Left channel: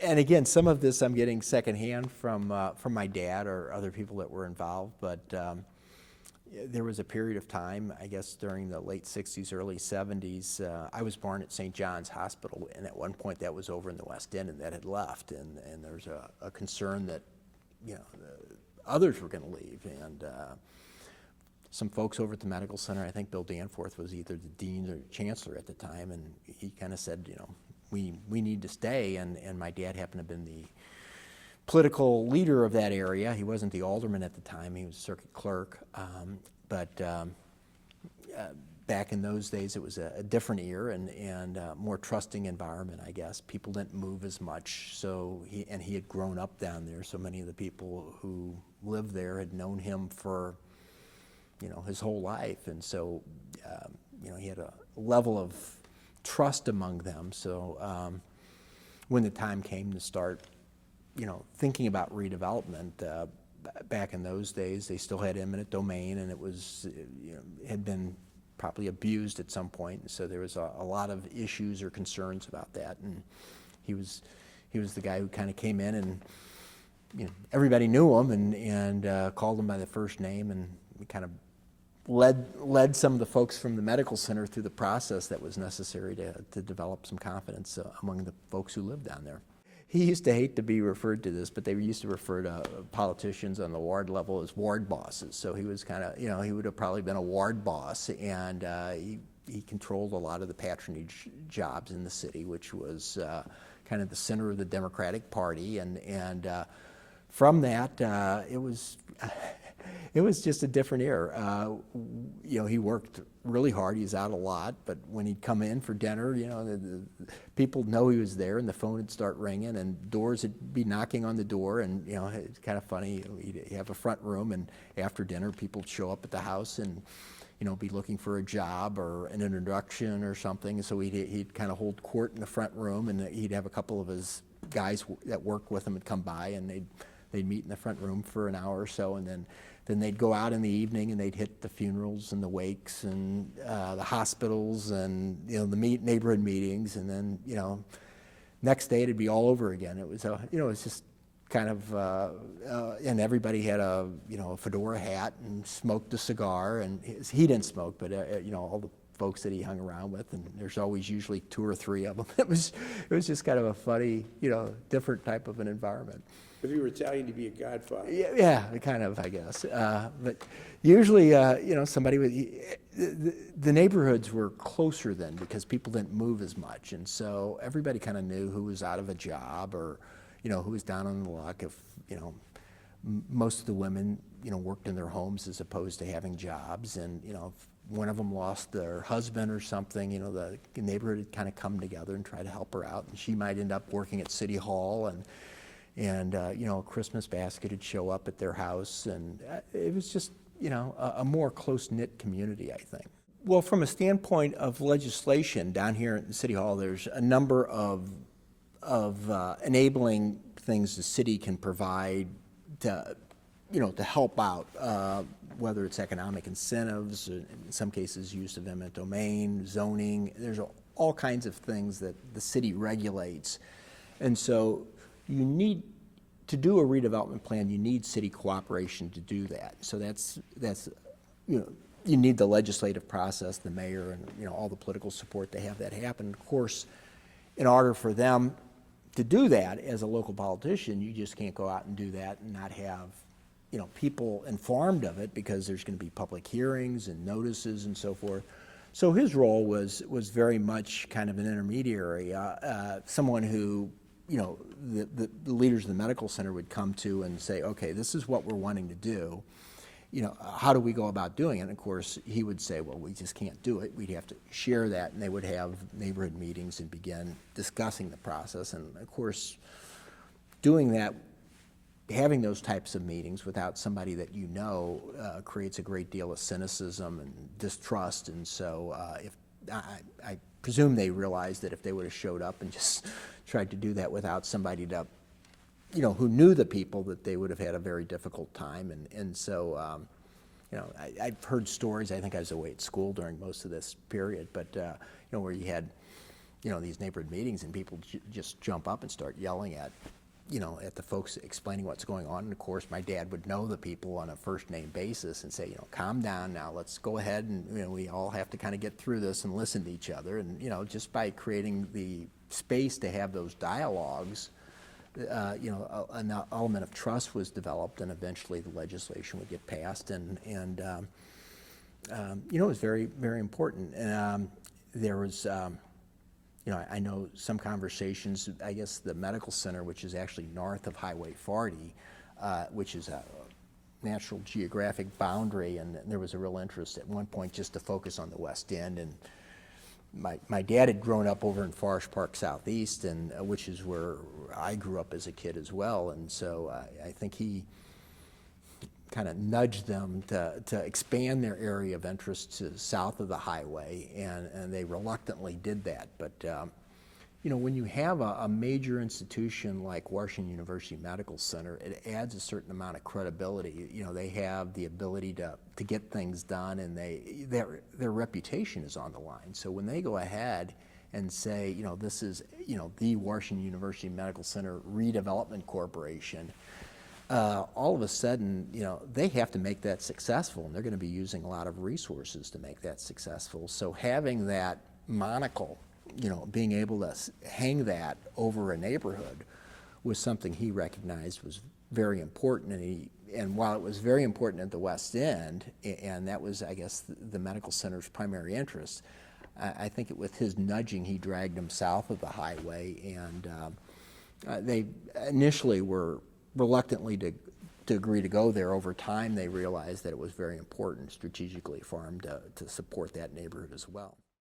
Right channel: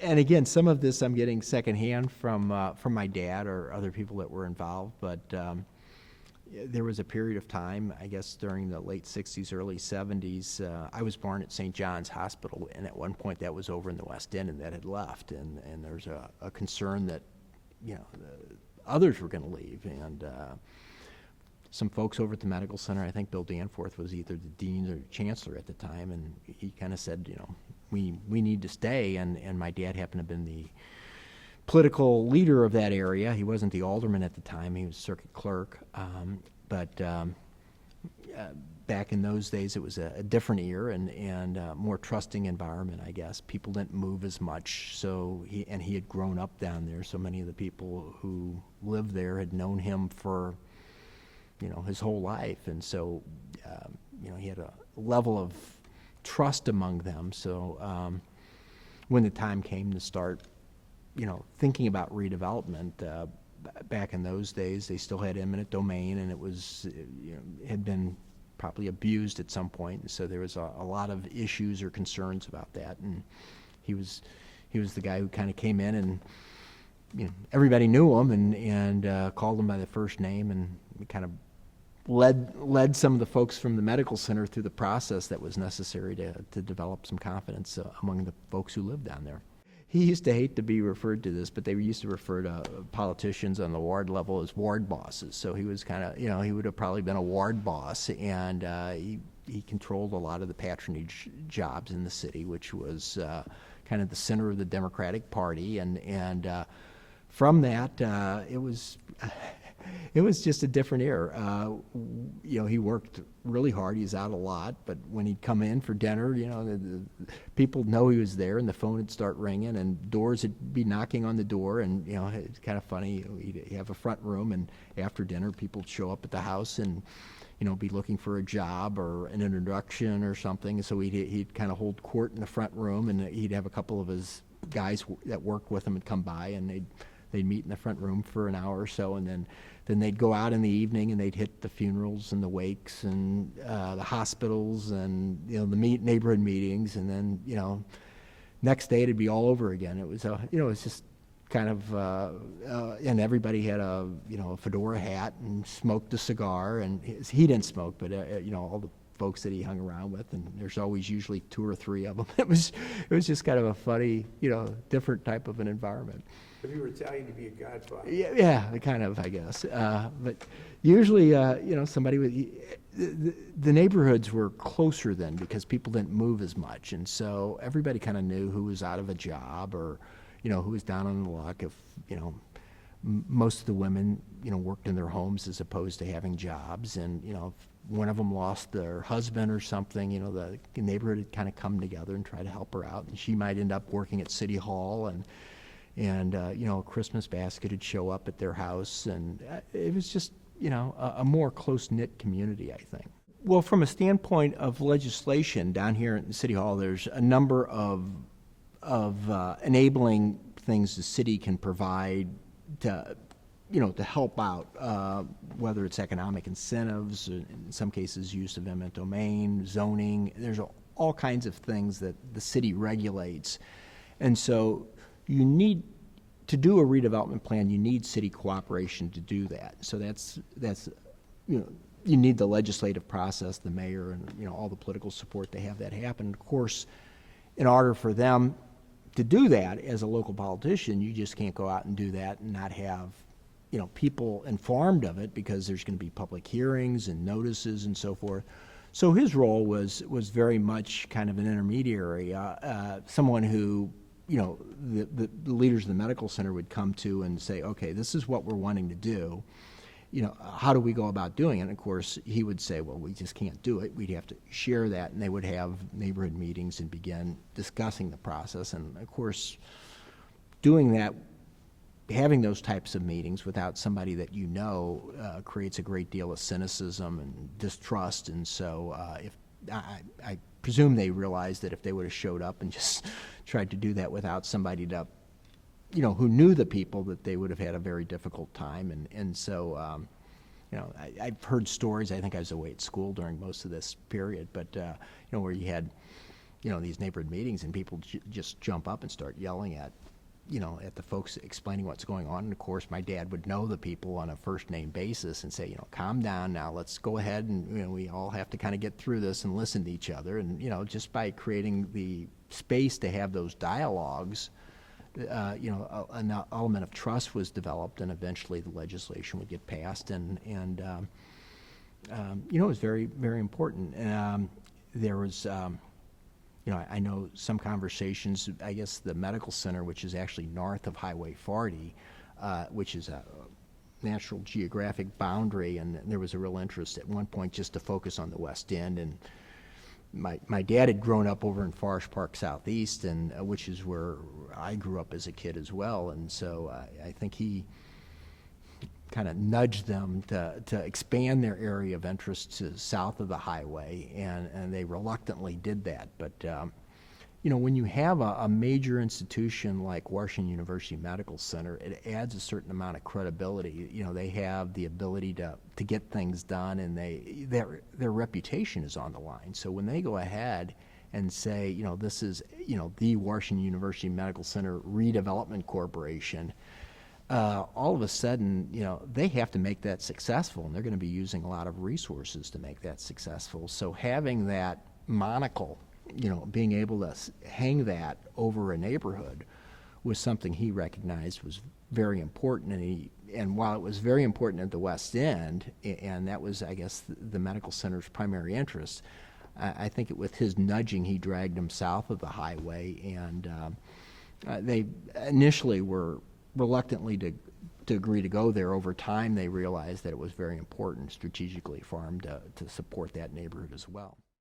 And again, some of this I'm getting secondhand from my dad or other people that were involved. But there was a period of time, I guess, during the late '60s, early '70s. I was born at St. John's Hospital, and at one point that was over in the West End, and that had left. And there's a concern that others were going to leave, and some folks over at the medical center. I think Bill Danforth was either the dean or chancellor at the time, and he kind of said, we need to stay. And my dad happened to have been the political leader of that area. He wasn't the alderman at the time; he was circuit clerk. But back in those days, it was a different era and more trusting environment, I guess. People didn't move as much, so he had grown up down there. So many of the people who lived there had known him for his whole life, and so he had a level of trust among them. So when the time came to start, thinking about redevelopment, back in those days, they still had eminent domain, and it was had been probably abused at some point, and so there was a lot of issues or concerns about that. And he was the guy who kind of came in, and everybody knew him and called him by the first name, and kind of led some of the folks from the medical center through the process that was necessary to develop some confidence among the folks who lived down there. He used to hate to be referred to this, but they used to refer to politicians on the ward level as ward bosses. So he was kind of, he would have probably been a ward boss, and he controlled a lot of the patronage jobs in the city, which was kind of the center of the Democratic Party. And from that, it was just a different era. He worked really hard. He was out a lot, but when he'd come in for dinner, the people know he was there, and the phone would start ringing, and doors would be knocking on the door, and it's kind of funny. He'd have a front room, and after dinner, people would show up at the house and be looking for a job or an introduction or something. So he'd kind of hold court in the front room, and he'd have a couple of his guys that worked with him would come by, and they'd meet in the front room for an hour or so, and then they'd go out in the evening and they'd hit the funerals and the wakes and the hospitals and the neighborhood meetings, and then next day it'd be all over again. It was it was just kind of and everybody had a fedora hat and smoked a cigar, and he didn't smoke, but all the folks that he hung around with, and there's always usually two or three of them. It was just kind of a funny different type of an environment. If you were Italian, to be a godfather. Yeah, kind of, I guess. But usually, somebody with the neighborhoods were closer then because people didn't move as much, and so everybody kind of knew who was out of a job or, who was down on the luck. If most of the women, worked in their homes as opposed to having jobs, and if one of them lost their husband or something, the neighborhood would kind of come together and try to help her out, and she might end up working at City Hall, and a Christmas basket would show up at their house, and it was just, a more close-knit community, I think. Well, from a standpoint of legislation, down here in City Hall, there's a number of enabling things the city can provide to help out, whether it's economic incentives, or in some cases use of eminent domain, zoning. There's all kinds of things that the city regulates, and so you need to do a redevelopment plan. You need city cooperation to do that. So that's you need the legislative process, the mayor, and all the political support to have that happen. Of course, in order for them to do that as a local politician, you just can't go out and do that and not have people informed of it, because there's going to be public hearings and notices and so forth. So his role was very much kind of an intermediary, someone who the leaders of the medical center would come to and say, okay, this is what we're wanting to do. How do we go about doing it? And of course, he would say, well, we just can't do it. We'd have to share that, and they would have neighborhood meetings and begin discussing the process. And of course, doing that, having those types of meetings without somebody that creates a great deal of cynicism and distrust. And so if I presume they realized that if they would have showed up and just tried to do that without somebody to, who knew the people, that they would have had a very difficult time. And so, I've heard stories. I think I was away at school during most of this period, but where you had these neighborhood meetings, and people just jump up and start yelling at, at the folks explaining what's going on. And of course, my dad would know the people on a first name basis and say, calm down now, let's go ahead, and we all have to kind of get through this and listen to each other. And just by creating the space to have those dialogues, an element of trust was developed, and eventually the legislation would get passed, and it was very, very important. There was, I know some conversations, I guess the medical center, which is actually north of Highway 40, which is a natural geographic boundary, and there was a real interest at one point just to focus on the West End. And my dad had grown up over in Forest Park Southeast, and which is where I grew up as a kid as well. And so I think he kind of nudged them to expand their area of interest to south of the highway, and they reluctantly did that. But when you have a major institution like Washington University Medical Center, it adds a certain amount of credibility. They have the ability to get things done, and their reputation is on the line. So when they go ahead and say, this is the Washington University Medical Center Redevelopment Corporation, all of a sudden, they have to make that successful, and they're going to be using a lot of resources to make that successful. So having that monocle, being able to hang that over a neighborhood was something he recognized was very important. And while it was very important at the West End, and that was, I guess, the medical center's primary interest, I think with his nudging, he dragged them south of the highway, and they initially were reluctantly to agree to go there. Over time, they realized that it was very important strategically for them to support that neighborhood as well.